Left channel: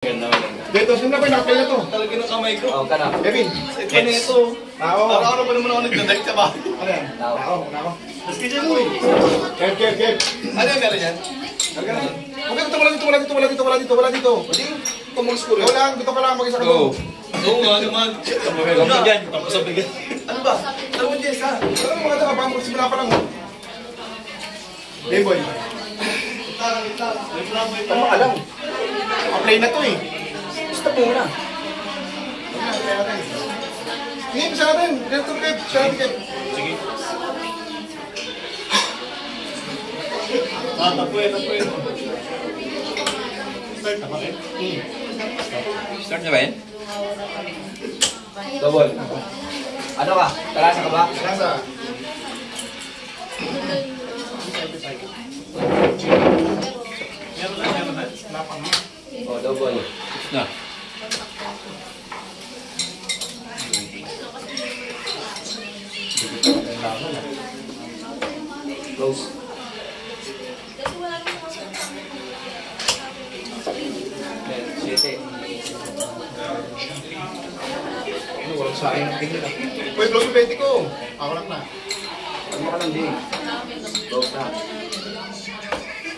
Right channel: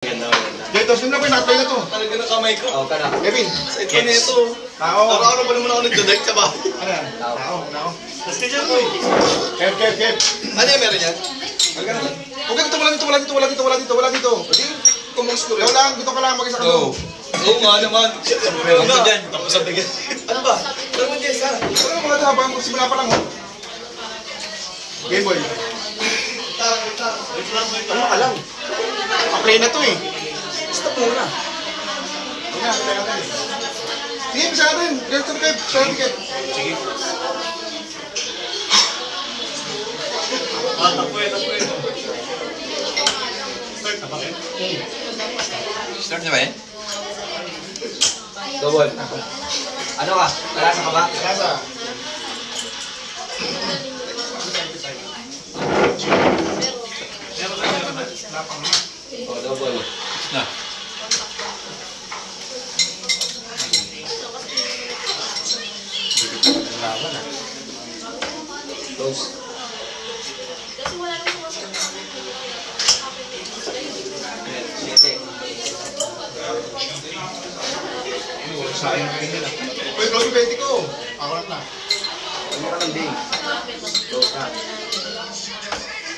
Dito, sino na ko yung na to? Talaga ng kamay ko. Oo, ka na. Kevin. Sa ito na ito. Tao. Araw-araw pa naman ako nagdodek sa bahay. Ano yan? Tao. Nako. Maski dyan mo eh. Kev. Ano yung meron yan? Halika na. Okay, wala dito. Pwede yung kumulus ko rin. Ikaw lang, dito ka lang, mag-isa ka doon. Oo nga naman. Meron ka dyan. Tapos sabi ka. Ano ba? Ano mo Jess ha? Ano mga ito, habang magsimula pa lang, oh. Game Boy. Ano ka lang? Okay na to eh. Stop muna. Sige na, play natin. Sige, bisa natin. Dito Kev. Sige. Start niya ba yun? Double. Ano ka? Kalasa ka ba? Kalasa. Oh, double. Na. Close. Ano, walang sayang na tingin ah. Uy, close yung 20 ko. Ako lang na. Ano ka lang din? Close na.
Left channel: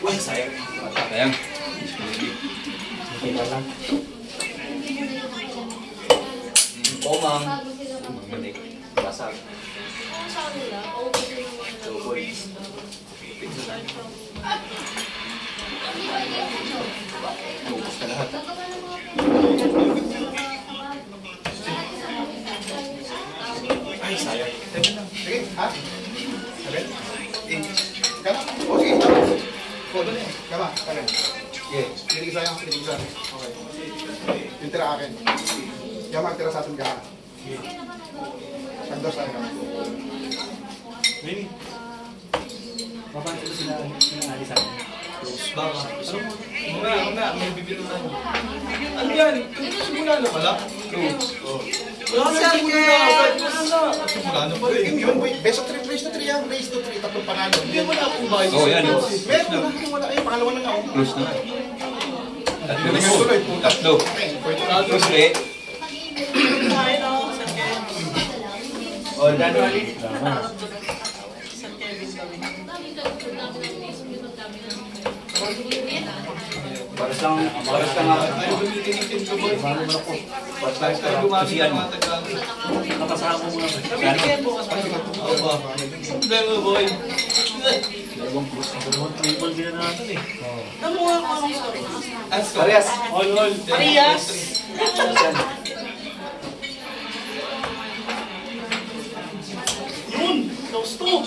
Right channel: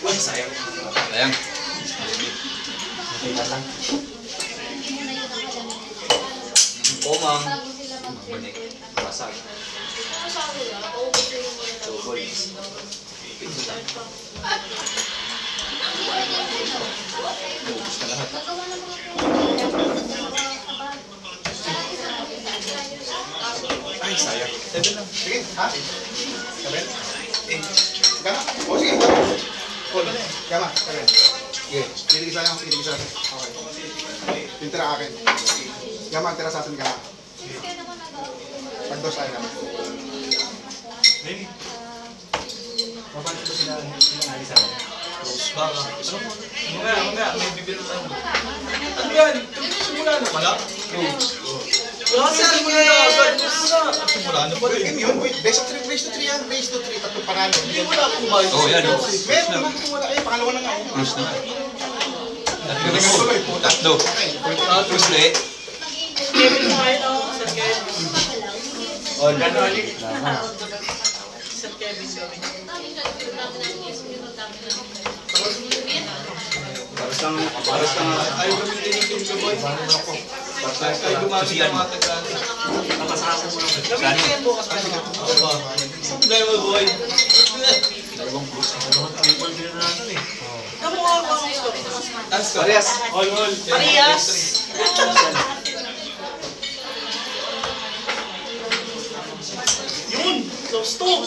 Uy, sayang. Sayang. Oh, ma'am. Balik. Basag. Double. Ubus ka lahat. Ay, sayang. Seven lang. Sige, ha? Sabi? Ika na? O, sige. Call. Kama, kaya. Sige. Pili sayang. Okay. Yung tira akin. Kama, tira sa atin ka. Pag-dos tayo naman. Maybe. Close ba ka? Mga, may bibiro na. Ano yan? Simula na pala? Wala kasi hindi mo na. Simula na pala. Game yun, wait. Best of 3, race to 3 yan. Race to 3, tatlong panalo. Hindi mo na akong bahay. Oh, yan. Meron na kung wala. Pangalawa na nga. Close na. Galingan tuloy, puta. Tatlo. Okay, pwede. Close ulit. All. Paras lang ako. Ayaw gamitin yung Kinto Boy. Tayo gumamit ng mga tagaan. Nakasarap mo lang. Gamitin mo kasama. Hindi mo boy. Dalawang close. Namuha ko ang score. Parehas. All. Parehas. Yun! Close to!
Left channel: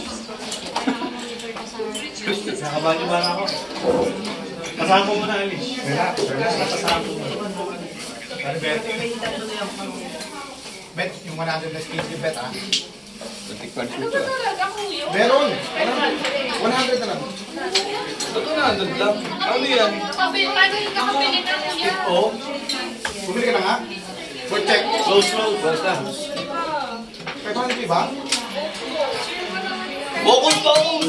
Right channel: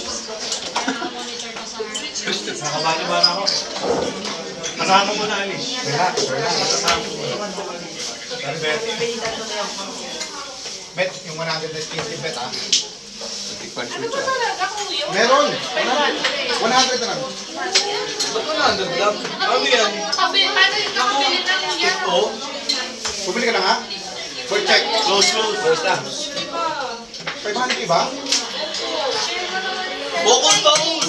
Nakabanyo-banyo ako. Kasama mo na, Ali. Kasama mo na. Bet, yung 150 bet ah. 21 Ano ba talaga kuya? Meron. 100 na lang. Ba't mo na lang? Ano yan? Nakabili na kuya. Oo. Bumili ka na nga. For check. Close. Close na. 500 ba? Bokol taon!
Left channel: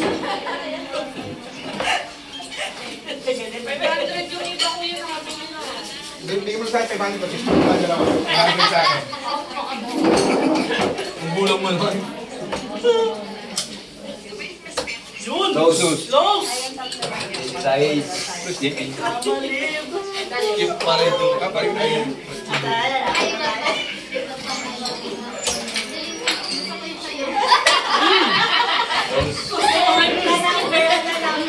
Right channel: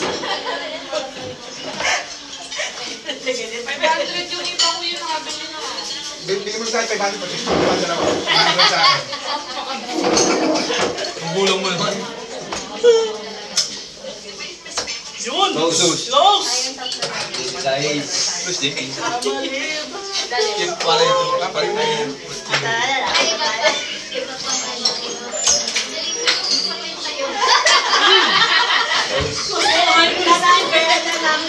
500 yung iba kuya nakabili na. Bigyan mo na sa akin 500 pa. 600 na naman. 100 sa akin. Ang gulang mo naman. Yun! Close. Close! Size. Close din. Yung pala ito. Kapag na yan.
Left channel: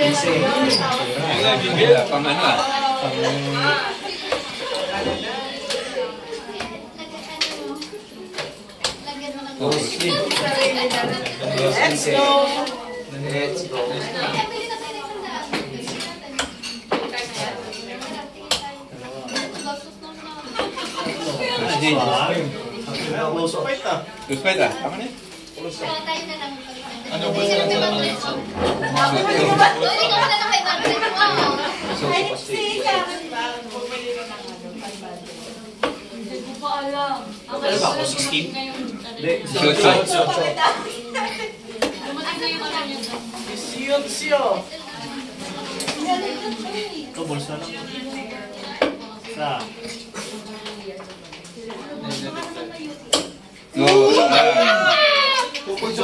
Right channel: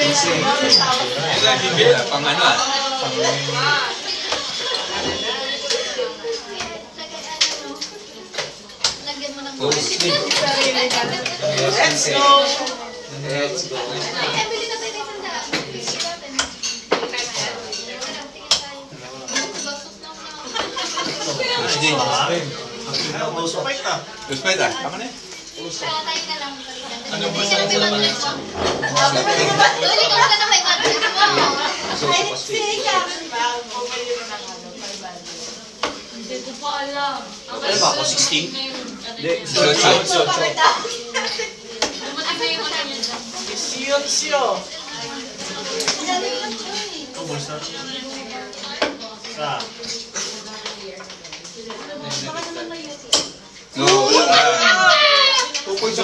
Ayun nga, Jimmy. Pang ano ah. Close din. Let's go! Let's go. Close din. Close up. Close fight ah. Tama na eh. Ano ba sa naman? So, Hindi ko pa alam. Ano ba ako? 16? Hindi. Shot. Dumating na yung ano niya. Siyo. Ito, bulsa. Sa.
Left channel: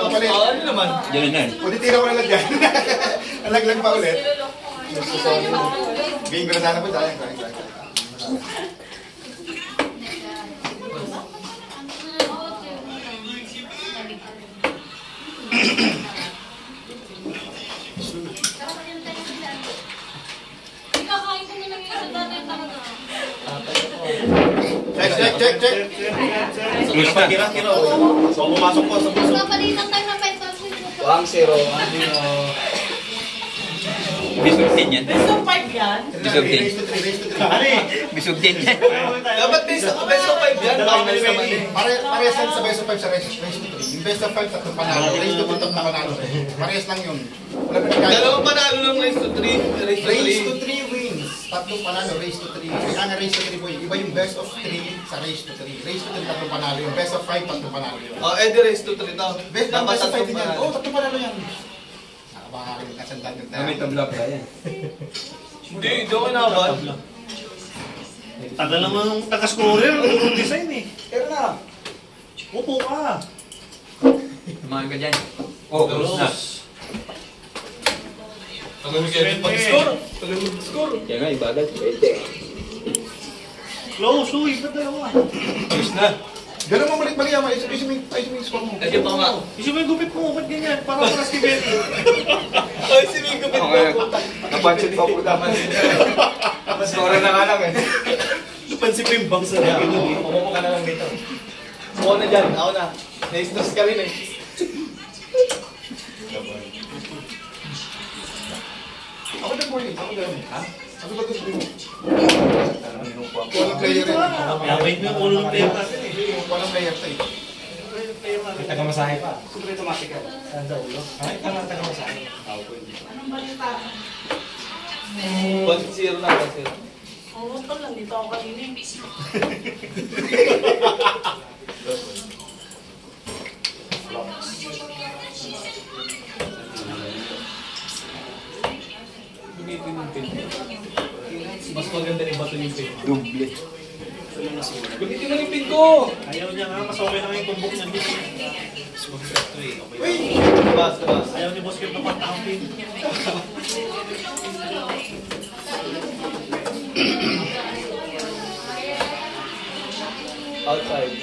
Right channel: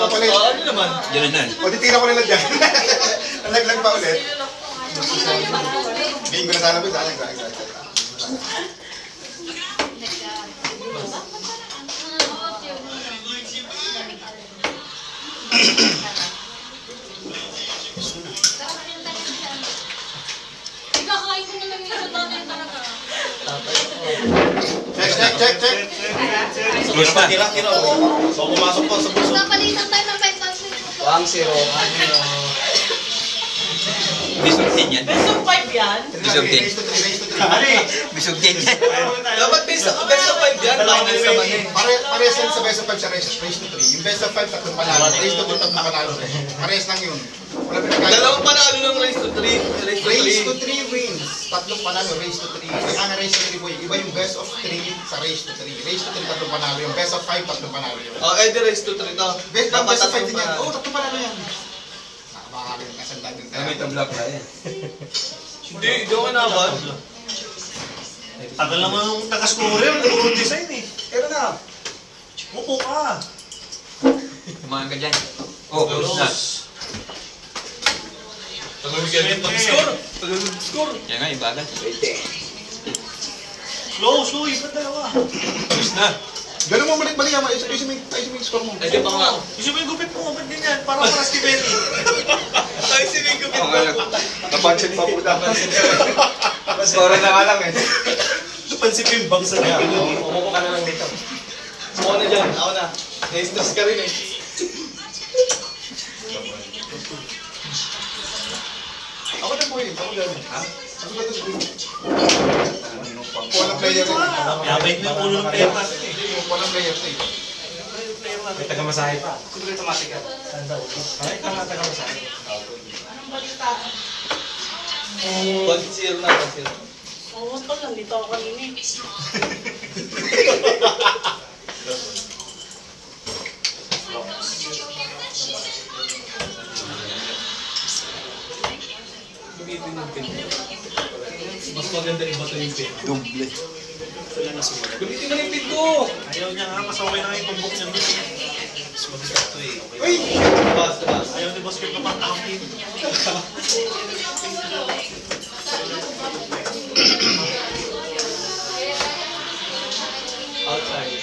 ko pala yun. Ano naman? Yan na. O, titira ko na lang dyan. Nalaglag pa ulit. Game ko na sana ba? Sayang. Ikakain ko muna yung sa tatay talaga. Check. Tira. So, pumasok pa sa bulso. Napalitan tayo ng pentals nito. 1-0. Bisog din yan. Best of 5 yan. Race to 3. Bisog din yan. Dapat best of 5 yan. Final naman eh. Parehas lang sa best of 5 sa race to 3. Yung best of 5 tatlong panalo. Race to 2 tatlong panalo. Parehas lang yun. Wala pinagkaya. Dalawang panalo ng race to 3. Race to 3 wins. Tatlong panalo, race to 3. Ang race to 3 po, iba yung best of 3 sa race to 3. Race to 3, tatlong panalo. Yung best of 5, tatlong panalo yun. Oh, Eddie race to 3 to. Best ng best of 5 din yan. panalo. Oo, tatlong panalo yan. Nakabaka rin kasandaan yung tayo. tabla pa yan. Hindi ako inaabot. Tagal naman ng taga-scorer, puro design eh. Pero na. Upo ka. Umaga dyan. Oh, close na. Tagal kaya yung pag-score. Tagal yung score. Kaya nga, ibagal. Close, uy, ba't dalawa? Tapos na. Ganun mo balik yaman. Ayusin mo yung score mo. Ayun pa nga. Isip mo yung gupit mo, ba't ganyan? Parang para si Betty. Ay, si Mingo Ako kaya, napansin pa po dapat. Score na nga lang eh. Napansin ko yung bangs na nagilog eh. Umupo ka na lang dito. Ako na dyan. Ako na. Na-stress ka rin eh. Ako din po yun. Ako din. Ako ba ito screen? Walang player yun. Yabay mo yung ulo ng player natin eh. Walang player tayo. May taga-masahe pa. Siguro automatic yan. Ay, kala taga-masahe. Anong balita? 1-0 na. 1-0. Oo, tol, nandito ako kanina eh. Gamitin yung pin. Mas maganda ibato yung pin. Double. Gamitin na yung pin ko! Ayaw niya nga, mas okay na yung tumbok niya dito. Mas mabigat to eh. Okay. Uy! Basta. Ayaw ni Boss Kim na patahapin. Outside.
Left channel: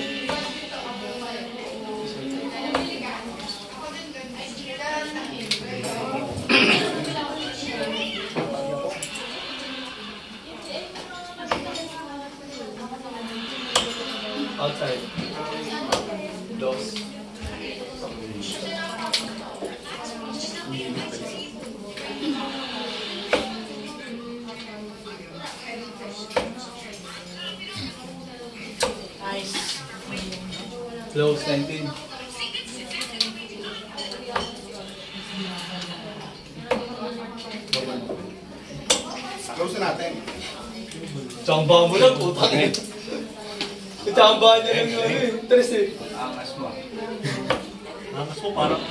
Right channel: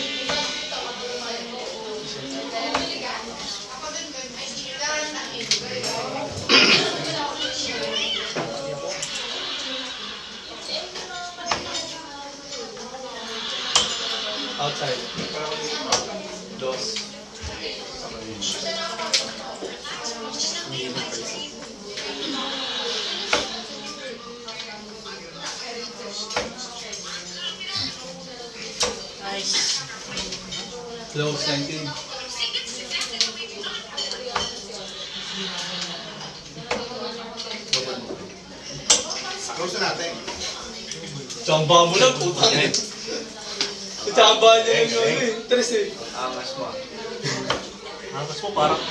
Outside. Dos. Nice. Close 19. Close na natin. Tsamba mo lang, putang eh. Tsamba niya yung ano eh. Tres eh. Angas mo. Angas mo parang...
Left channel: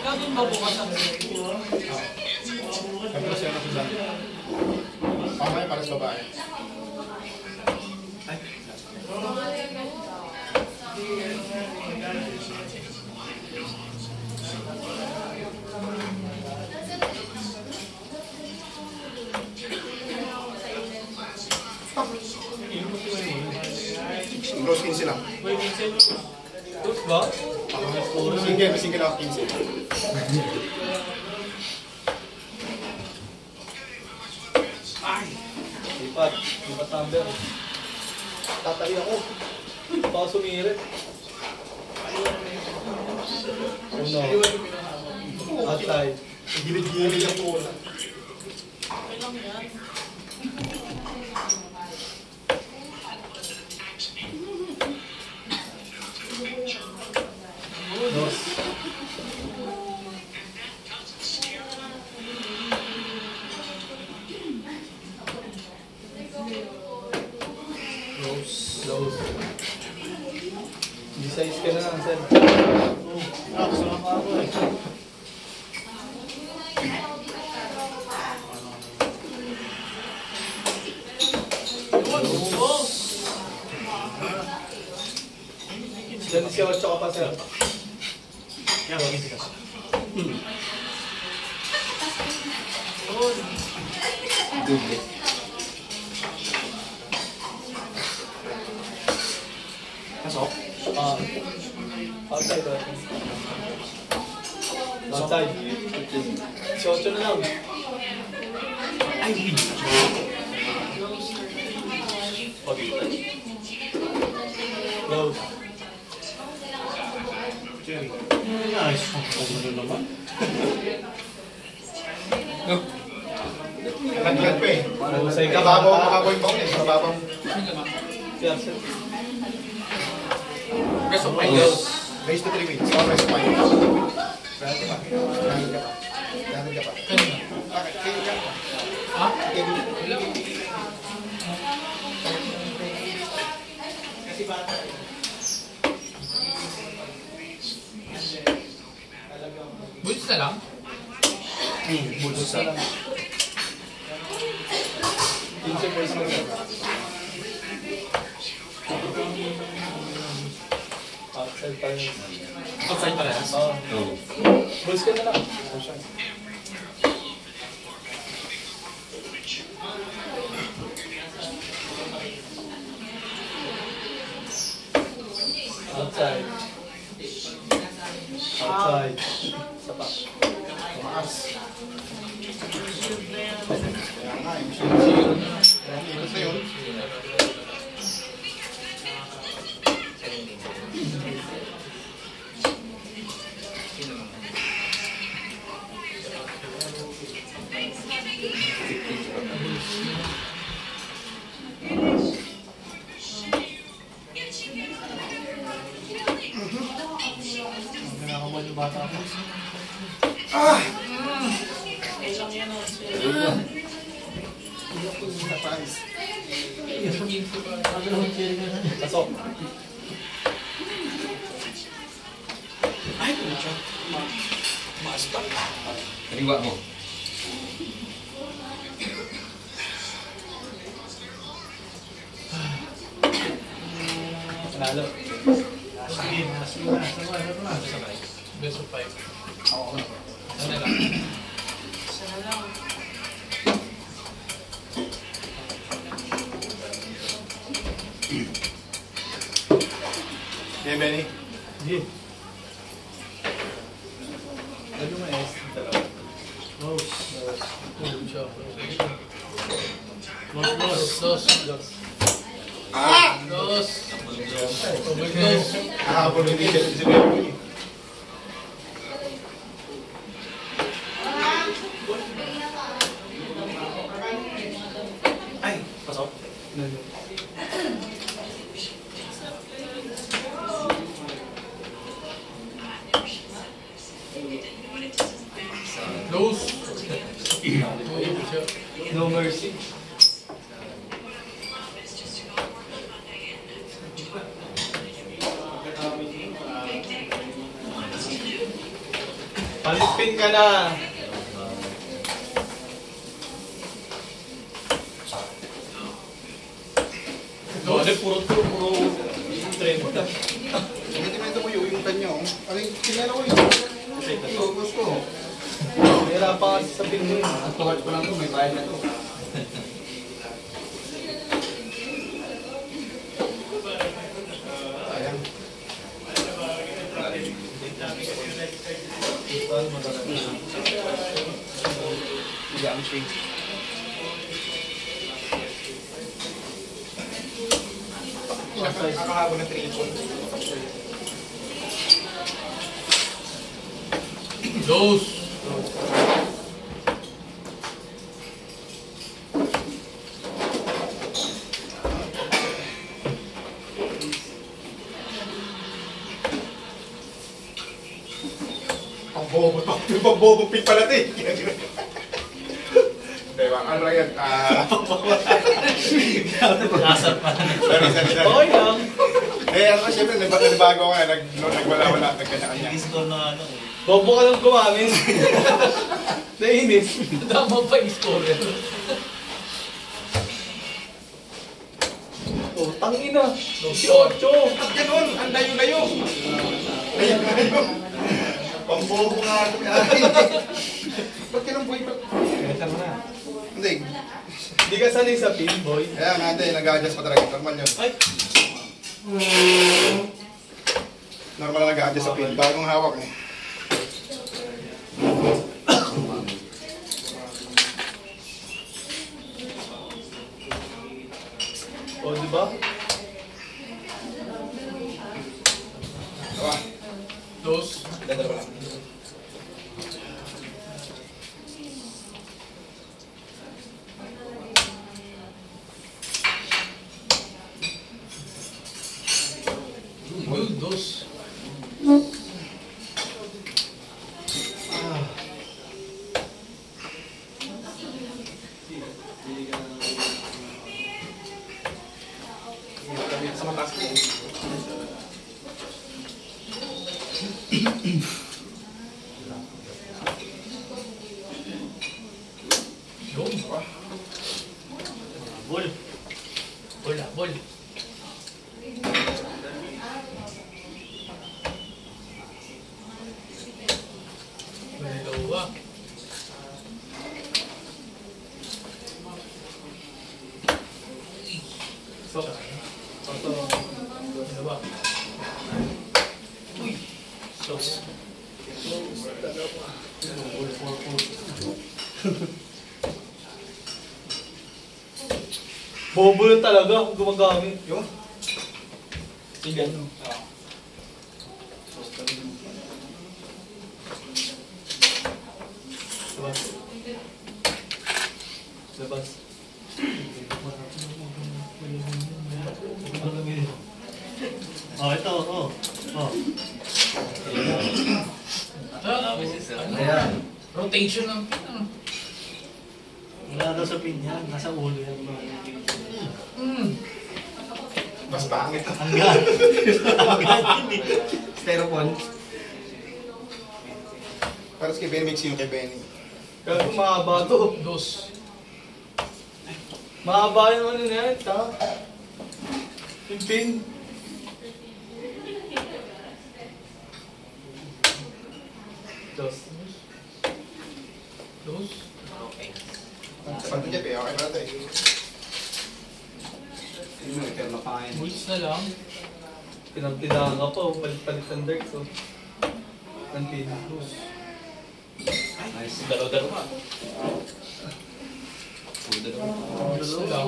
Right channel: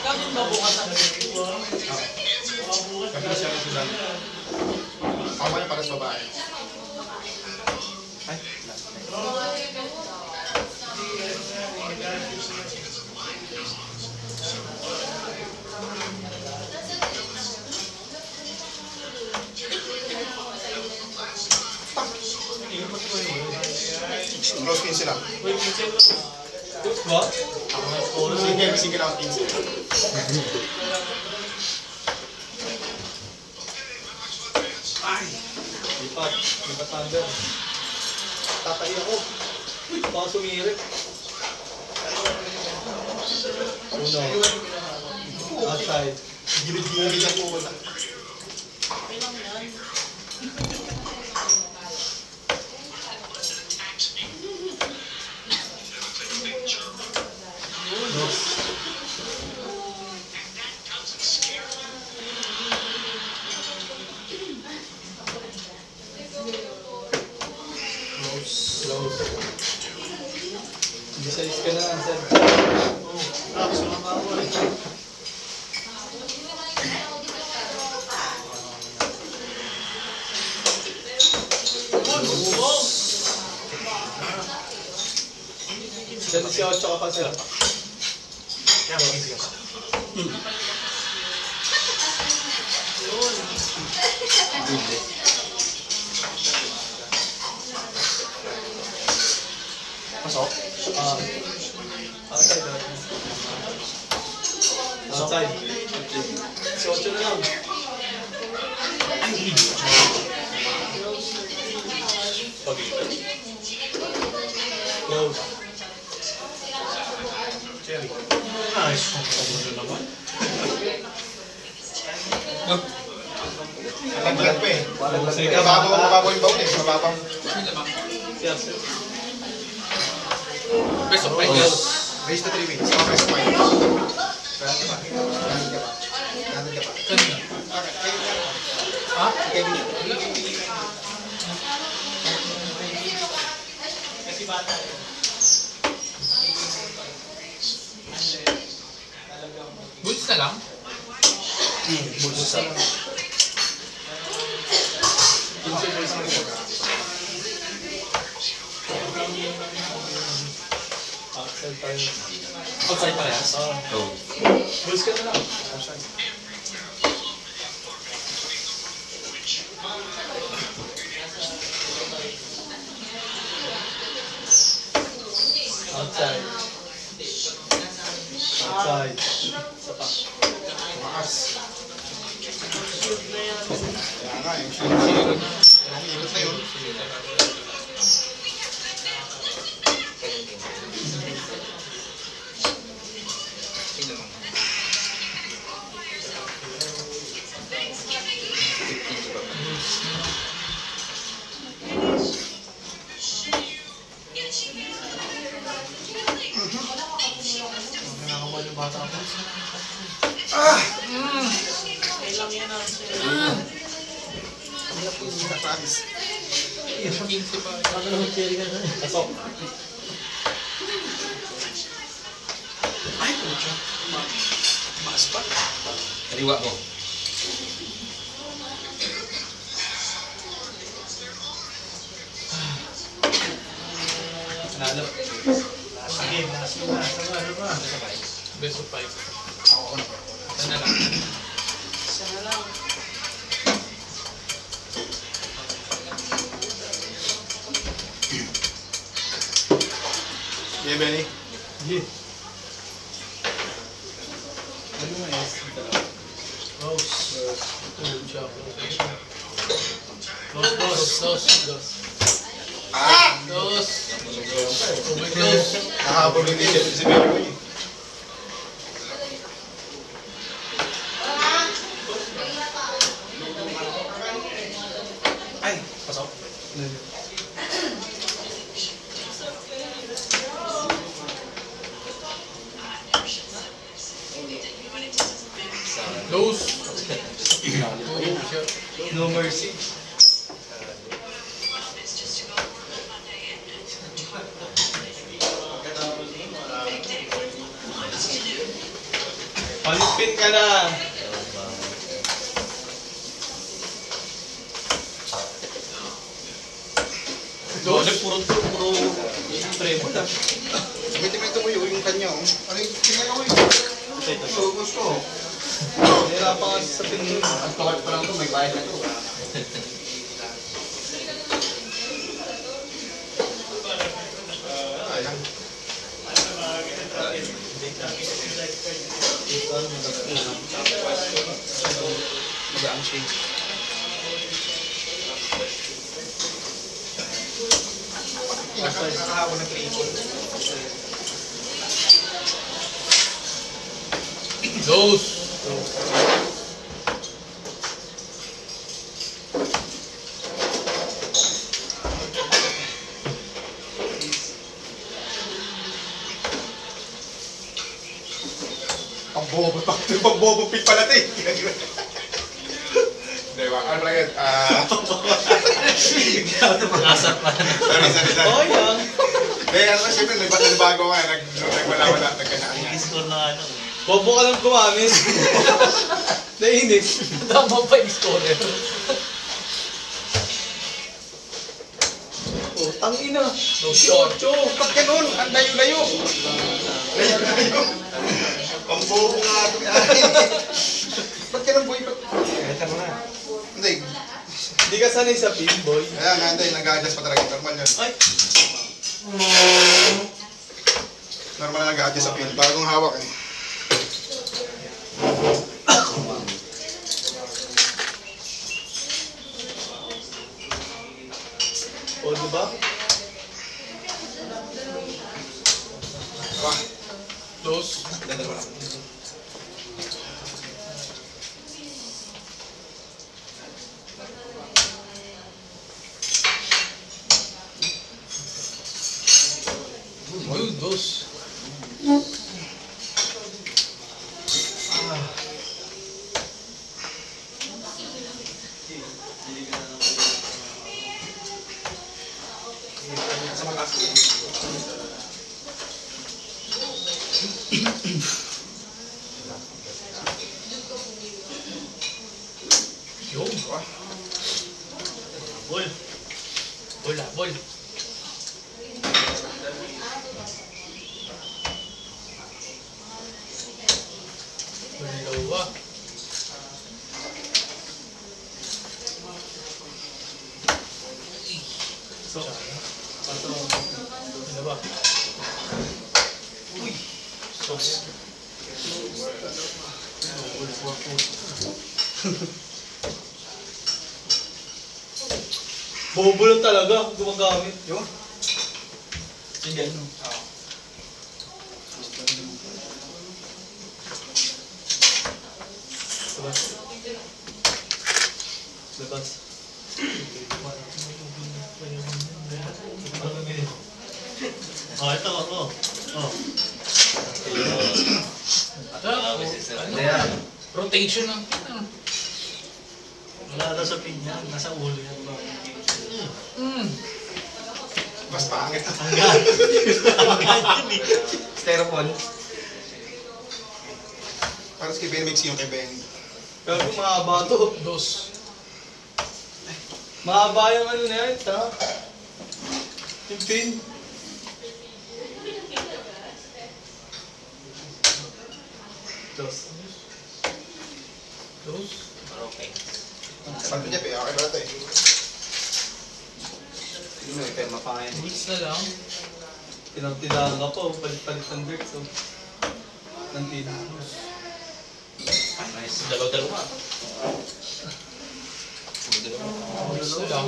Ikaw din ba bukas ang Kapila siya na sila. Pamaya para sa babae. Close 15 lang. Push ba? Sige lang 15. Lipat. Lipat thunder. Tatay ako. Baka sumirit. Uno. Outside. Gilid-gilid ang bola. Dos. Close. Besides ka na lang, sir. Diyan si 8 ka pa, sir. Kaya magising ako. Pasok. Outside, outside. Si 8 na lang. Close. Jerry. Nice. Ano naman? Naglag pa eh. Sa'yo ka. Mababaw yung baon eh. Mababaw. Yeah, sir. Best of Raise to 3 weeks. Oh, raise to 5 weeks. Ganun ka pa. Ganun ka pa. Ganun ka pa. Okay, kayo ka pa. Ha? Kayo ka. Bulls na lang? Bulls na lang. Pinsa bulls na lang. Outside pa rin. Outside parehas? Oo. Bulls ka na lang. Outside. Outside. Outside. Isa pa. Tumaas. Kaya nga, yung shield. Yung hilot na yun. Nakakawal yung bata ko. Kailang yan ang Nakaayos. Pasok. Kaliwa mo. Nanalo. Sige, ano ba? Best of 5. Isa na lang. isa na lang. May Benny. Yeah. Ano mo S? Dalawa. Close. Siya. Close, close. Dos. Ah! Dos. Over close. Nakakapag hindi si Benny. Ay! Pasok. Close. No mercy. Palipin ka na. Dole, puro tremor na. Gamitin mo ito ko yung kanya. Ano yung tinero ko yun? Gusto. Nahirapan ka sa tingin. Ang tawad pa lang ito, may bayad na ito. Sayang. Magaan siya. Nakakahabol ng triple. Dos. Pambobo pit pala ito eh. Dewa, ano lang yan? Asap pa. Sorry. Oh, yan. Ano ba, siyempre, may bago nga, nagwala-wala, nagkanya-kanya. Score na ano. Bobo ka lang kumamin. Nainis. Tama pa yung scorer. Oh, tangina. 18. Ba't ganun? Ang layo-layo. Layo-layo. Pambobo nga ito. Ba't ganun, boy? Kaya mo na. Hindi. Hindi ka sanay sa pin, boy. Kaya nga, hindi. Nag-adjust pa talaga. Normal yan. Ay. Normal na nag-adjust sa pin. Bagong hawak eh. O, diba? Tara. Dos. Dalawa lang. Uy, dos. Sa mataas ko. Yun. Ball. Bola, bol. Dalawa. So, pato. Dalawa. Uy. Sos. Bobo lang talaga kung gumagamit. Yun. Sige. Labas. Labas. Oh, ito. Oh. Oh. Ano? Rotation ng pin. Ano? Wala daw sa pin yan. Nasa ulo yan. Mas pangit. Hanggang. Hanggang yun eh. Styrofoam. Parang kay Benny mix yung kay Benny. Pero kung mahaba to. Dos. Mahaba yung ano na yan. Ta? Yung pin. Dos. Dos. Sabi niya, okay ba ito eh. Hindi mo, pero mapangayan. Bulls na lang. Tinag-tinaga ka pa. Palit-palit ng dirt. So. Ng pin. Nice. Dalawa-dalawa. Bulls na lang.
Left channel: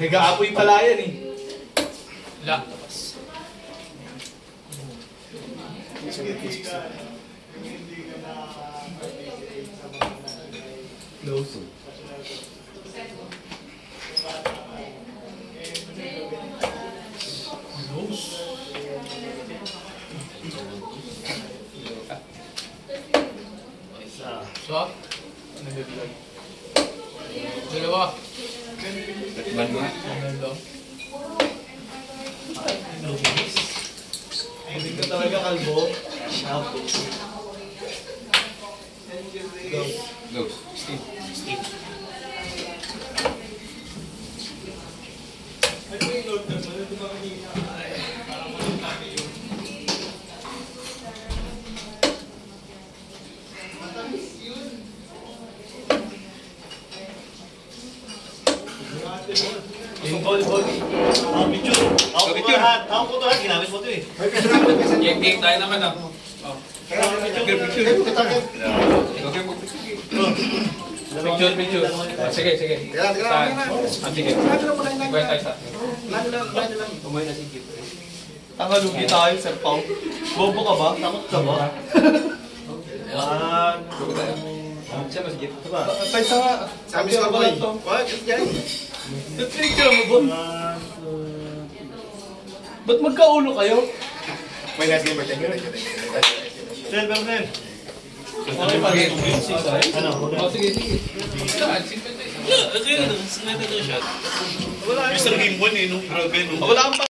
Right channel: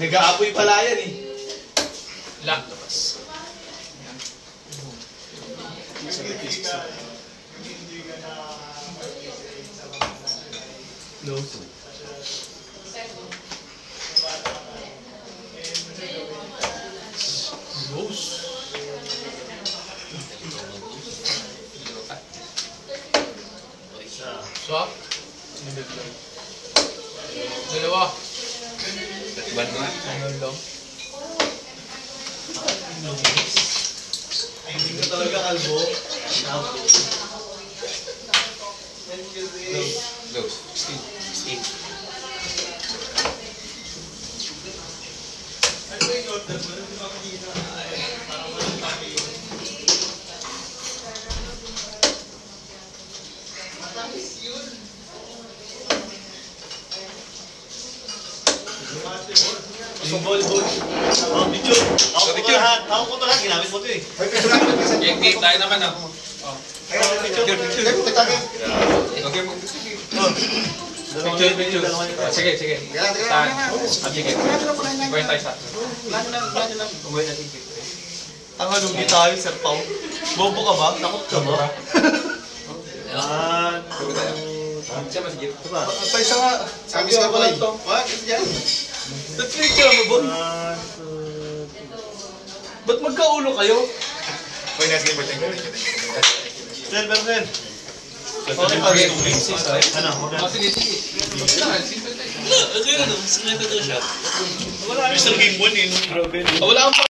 Nag-aapoy pala yan eh. Lang. Labas. No. Dos. Swap. Dalawa. Ano lang. Hindi ko talaga kalbo. Dos. Steve. Yung ball. Oh, picture. Ako ko to lahat. Ako ko to lahat. Ginamit mo to eh. Game tayo naman ah. Picture. Sige. Sige. Pwede tayo sa. Tangalugi tayo, Sir Pao. Bobo ka ba? Takot ka ba? Patay sa nga. Sabi sa pala boy. to. Wag, ito dyan. The picture mo, boy. Ba't magkaulo kayo? May nice game ba tayo? Sel, Bernel. Okay, Ano? Sige. Simple tayo. Mr. Gimbon eh, grabe. Wala kang